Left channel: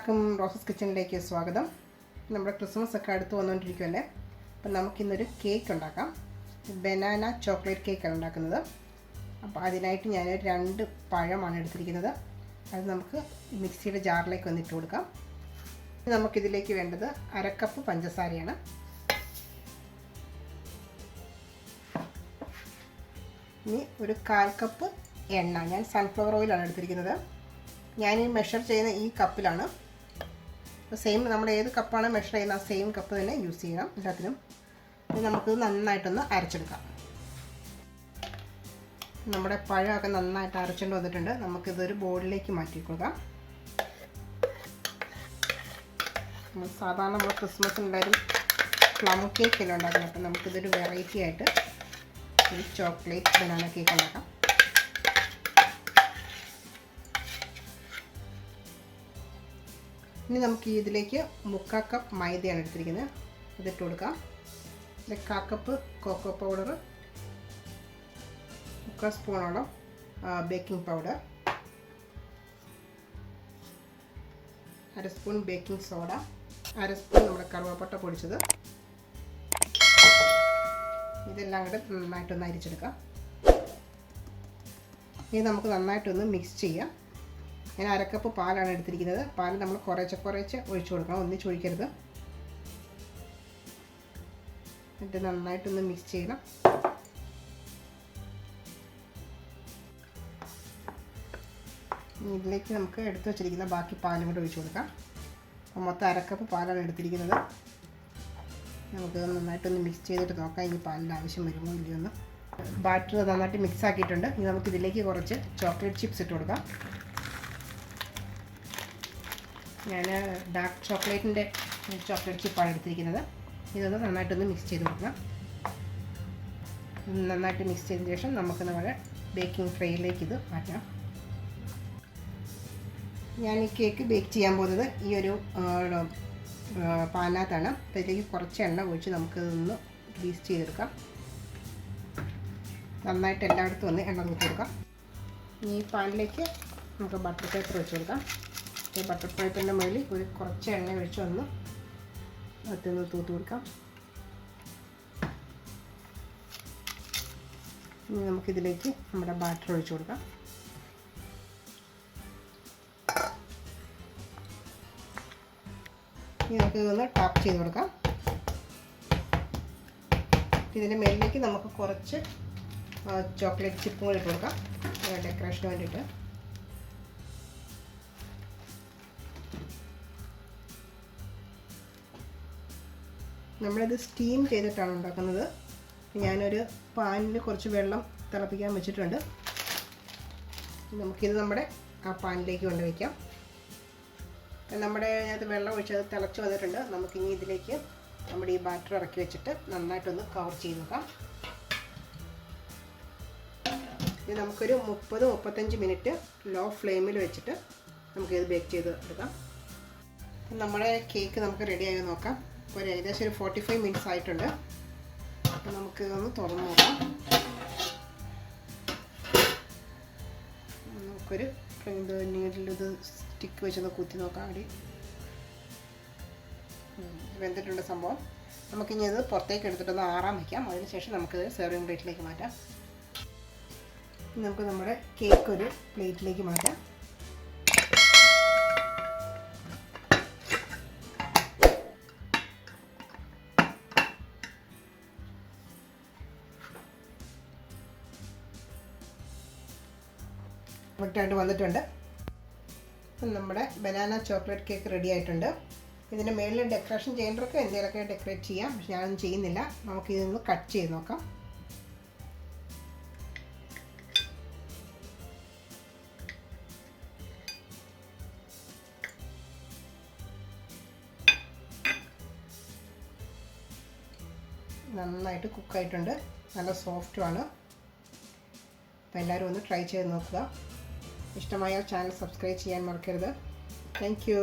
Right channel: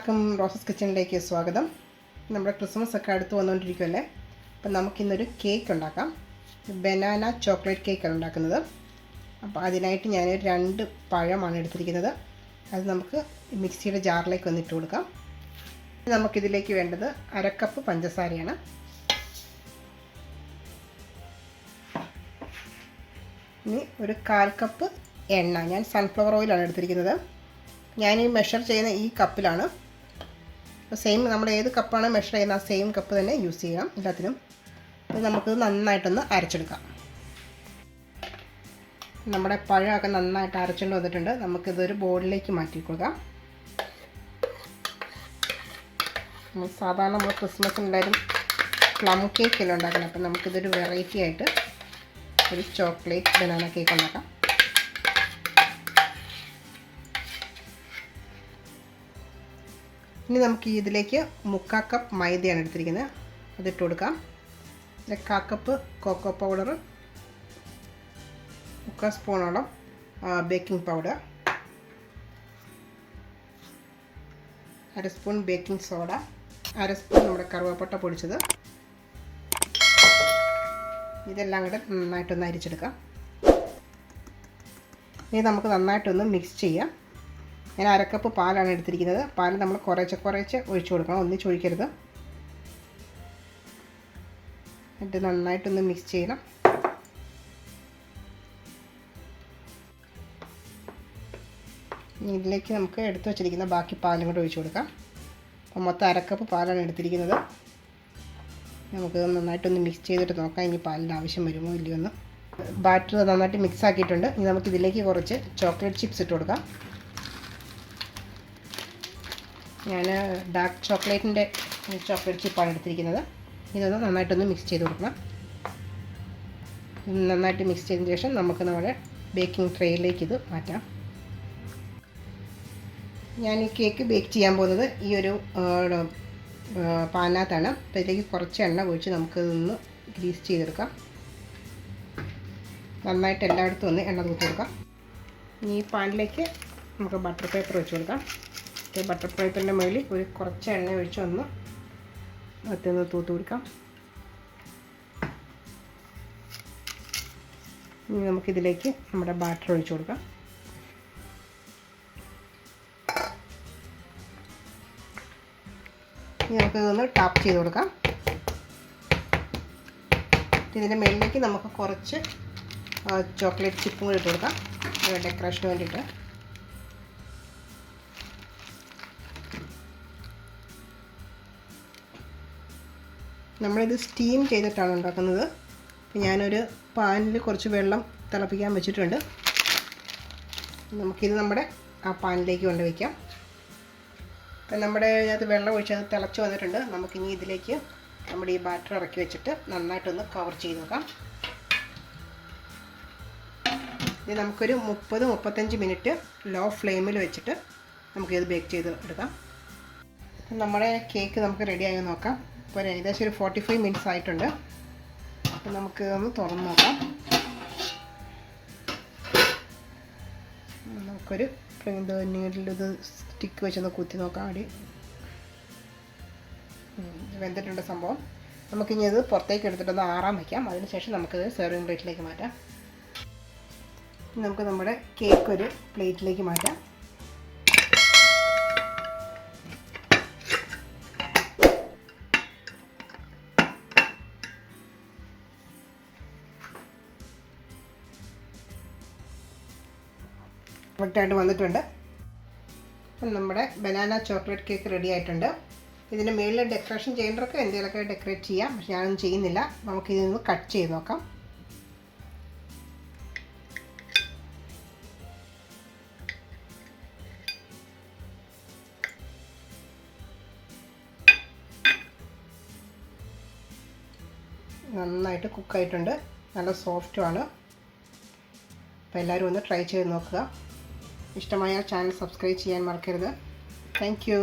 എല്ലാവർക്കും റോസസ് കിച്ചണിലേക്ക് സ്വാഗതം. നമ്മുടെ ക്രിസ്മസ് ഒക്കെ അടുത്ത് വന്നുകൊണ്ടിരിക്കുമല്ലേ. അപ്പം നമുക്കിന്നൊരു കേക്ക് ഉണ്ടാക്കാം. ബനാന ചോക്ലേറ്റ് കേക്കാണ് ഉണ്ടാക്കുന്നത്. അപ്പോൾ അതിനായിട്ട് ഞാൻ 2 പഴമാണ് എടുത്തിരിക്കുന്നത്. അത് നമുക്ക് മിക്സിയുടെ ജാറിലേക്ക് വന്നിട്ട് കൊടുക്കാം. നമുക്കിതിലേക്ക് വേണ്ടത് 1/2 കപ്പ് പഞ്ചസാരയാണ്. ഇനി ഒരു 1/4 കപ്പ് എണ്ണ. ഞാൻ സൺഫ്ലവർ ഓയിലാണ് എടുത്തിരിക്കുന്നത്. ഞാൻ ഈ മെഷർ ചെയ്യുന്ന ഈ കപ്പിലാണ്. സെയിം നമ്മൾ ഏത് കപ്പാണ് മെഷർ ചെയ്യുന്ന ആ സെയിം കപ്പ് തന്നെ യൂസ് ചെയ്യാം എല്ലാത്തിനും. അപ്പോൾ നമുക്കിത് നന്നായിട്ടൊന്ന് അരച്ചെടുക്കാം. നമ്മുടെ പഴമൊക്കെ നന്നായിട്ട് അരച്ചുകൊണ്ട് വന്നിട്ടുണ്ട്. നമുക്കിതൊരു ബോളിലേക്ക് മാറ്റി കൊടുക്കാം. സാധാരണ നമ്മൾ ക്രിസ്മസ് ഉണ്ടായാലും പ്ലം കേക്കെല്ലാം ഉണ്ടാക്കുന്നത്. അപ്പോൾ നമുക്കിതൊരു വെറൈറ്റി ആയിട്ട് ഒരു ചോക്ലേറ്റ് ബനാന കേക്ക് ഉണ്ടാക്കാം. ഇനി നമുക്ക് ഇതിലേക്ക് 1/4 കപ്പ് മൈദയാണ് എടുത്തിരിക്കുന്നത്. അതിട്ട് കൊടുക്കാം. 1/4 കപ്പ് കോക്കോ പൗഡർ, 1/4 സ്പൂണോളം baking powder, 1/2 spoon baking soda, 1/2 spoon നമ്മുടെ കറുവപ്പട്ട പൊടിച്ചത്. ഇതെല്ലാം കൂടെ നന്നായിട്ടൊന്ന് അരിച്ചെടുക്കാം. ഇനി നമുക്ക് നന്നായിട്ടൊന്ന് മിക്സ് ചെയ്യാം. ഞാൻ 1/2 കപ്പ് പാലാണ് എടുത്തിരിക്കുന്നത്. പാൽ നമ്മൾ കുറേശ്ശെ ഒഴിച്ചു കൊടുക്കണം, ഒന്നിച്ച് ഒഴിക്കരുത്. എന്നിട്ട് നന്നായിട്ടൊന്ന് മിക്സ് ചെയ്യണം. ഇതിലേക്ക് നമുക്ക് എടുത്തു വച്ചിരിക്കുന്ന ബാക്കി പാലും കൂടെ ഒഴിച്ചു കൊടുക്കാം. അപ്പോൾ മൊത്തം 1/2 കപ്പ് പാലാണ് എടുത്തിരിക്കുന്നത്. നമുക്ക് നന്നായിട്ടൊന്ന് മിക്സ് ചെയ്തിട്ട് നോക്കാം ഇനി പാലിൻ്റെ ആവശ്യം വരുമോ ഇല്ലയോ എന്ന്. ബാറ്റർ നന്നായിട്ട് മിക്സ് ആക്കിയിട്ടുണ്ട്. ഇനി നമുക്ക് ഇതിലേക്ക് കുറച്ച് ചോക്ലേറ്റ് ചിപ്സ് ഇട്ട് കൊടുക്കാം. ഞാൻ ഡാർക്ക് ചോക്ലേറ്റിൻ്റെ ചോക്ലേറ്റ് ചിപ്പാണ് എടുത്തിരിക്കുന്നത്. ഇതൊന്ന് നന്നായിട്ടൊന്ന് മിക്സ് ചെയ്ത് കൊടുക്കണം. നന്നായിട്ട് മിക്സ് ചെയ്തതിന് ശേഷം നമുക്ക് നമ്മുടെ ബേക്കിംഗ് ട്രേയിലേക്ക് ഇത് മാറ്റാം. ഞാൻ ഈ കേക്ക് ബേക്ക് ചെയ്യാൻ പോകുന്നത് ഈ ഒരു പാനിനകത്താണ്. അപ്പോൾ ഇതിലേക്ക് കുറച്ച് എണ്ണ ഒഴിച്ച് നമുക്കിതൊന്ന് ഗ്രീസ് ചെയ്തെടുക്കാം. നന്നായിട്ട് എല്ലായിടത്തും ഒന്ന് എണ്ണ തൂത്ത് കൊടുക്കാം. ഈ പാനിലേക്ക് നമുക്ക് ബട്ടർ പേപ്പർ വെച്ച് കൊടുക്കാം. ബട്ടർ പേപ്പറിൻ്റെ മുകളിൽ കുറച്ച് എണ്ണ ഒഴിച്ച് ഒന്ന് അതിന് തൂത്ത് കൊടുക്കാം. ഇനി നമുക്കിതിലേക്ക് നമ്മുടെ ബാറ്റർ ഒഴിച്ച് കൊടുക്കാം. ഇനി നമുക്കിതൊന്ന് ടാപ്പ് ചെയ്ത് കൊടുക്കാം. ഇതിൻ്റെ മുകളിലേക്ക് നമുക്ക് കുറച്ച് ചോക്ലേറ്റ് ചിപ്പും കൂടി ഇട്ട് കൊടുക്കാം, ഡെക്കറേഷന് വേണ്ടിയിട്ട്. നമ്മളിത് സ്റ്റീം ചെയ്തിട്ടാണ് ഉണ്ടാക്കുന്നത്. ഞാനൊരു പാനിൽ കുറച്ച് വെള്ളം തിളപ്പിക്കാൻ വെച്ചിട്ടുണ്ട്. നമുക്കിത് നമ്മുടെ ആ പാനിലേക്ക് കൊണ്ട് വയ്ക്കാം. അപ്പം നമ്മുടെ അതിനകത്ത് വെള്ളം ഒഴിച്ച് അത് തിളച്ച് വന്നിട്ടുണ്ട്. നമുക്കിനി ഇതിലേക്ക് നമ്മുടെ ഈ ബാറ്റർ ഇറക്കി വെച്ചിട്ട് നന്നായിട്ടൊന്ന് കവർ ചെയ്ത് നോക്കാം. ഇത് നമുക്കൊരു 30-35 മിനിറ്റ് ലോ ഫ്ലെയിമിൽ വെച്ചിട്ട് നമുക്കിത് ബേക്ക് ചെയ്ത് എടുക്കാം. നമ്മുടെ കേക്ക് നമുക്ക് റെഡിയായി നോക്കാം. ഇപ്പോൾ ഏകദേശം ഒരു 45 മിനിറ്റ്സ് ആയിട്ടുണ്ട്. അപ്പോൾ നമുക്ക് ഒന്ന് തുറന്ന് നോക്കാം. നമുക്കൊരു നീഡിലിത് സ്റ്റിക്ക് വെച്ചൊന്ന് കുത്തി നോക്കാം. അടി വെന്തിട്ടുണ്ട് സംഭവം. നമുക്കിനി അത് പുറത്തേക്ക് എടുത്തിട്ടൊന്ന് ആറാൻ വയ്ക്കാം. അതിനുശേഷം നമുക്കിത് സെർവിങ് പ്ലേറ്റിലേക്ക് മാറ്റാം. നമുക്ക് നമ്മുടെ കേക്ക് ഒരു പ്ലേറ്റിലേക്ക് മാറ്റാം. കറക്റ്റായിട്ട് വന്നിട്ടുണ്ട്. അപ്പം നമ്മുടെ ബനാന ചോക്ലേറ്റ് കേക്ക് റെഡി ആയിട്ടുണ്ട്. ഇതിന് മേളിൽ ഡെക്കറേഷൻ ചെയ്യേണ്ടവർക്ക് എന്തെങ്കിലുമൊക്കെ ഡെക്കറേറ്റ് ചെയ്യാം. പക്ഷെ ഞാനൊന്നും ചെയ്യുന്നില്ല. നമുക്കിതിൽ നിന്ന് കട്ട് ചെയ്ത് നോക്കാം. നന്നായിട്ട് കുക്കായിട്ടുണ്ട്, നല്ല സോഫ്റ്റുമാണ്. അപ്പോൾ എല്ലാവരും ഒന്ന് ട്രൈ ചെയ്ത് നോക്കുക. ഇഷ്ടമായാൽ ചാനൽ സബ്സ്ക്രൈബ് ചെയ്യാൻ മറക്കരുത്. Thank you.